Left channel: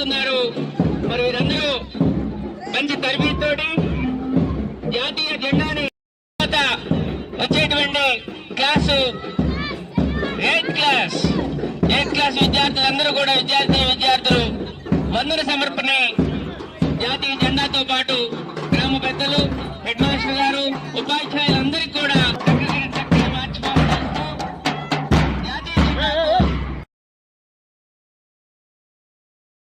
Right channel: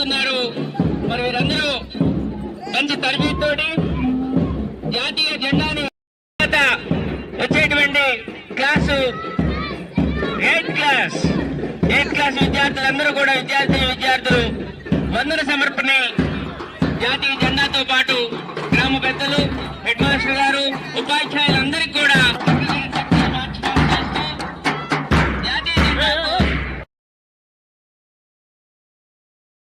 వస్తున్నారు. మరి వీరందరూ మంచి తరబితోటి జాతీయ జెండాని వచ్చేటువంటి క్లాసు 8th క్లాస్ విద్యార్థులందరూ కూడా విద్యార్థులు వందన సమర్పణ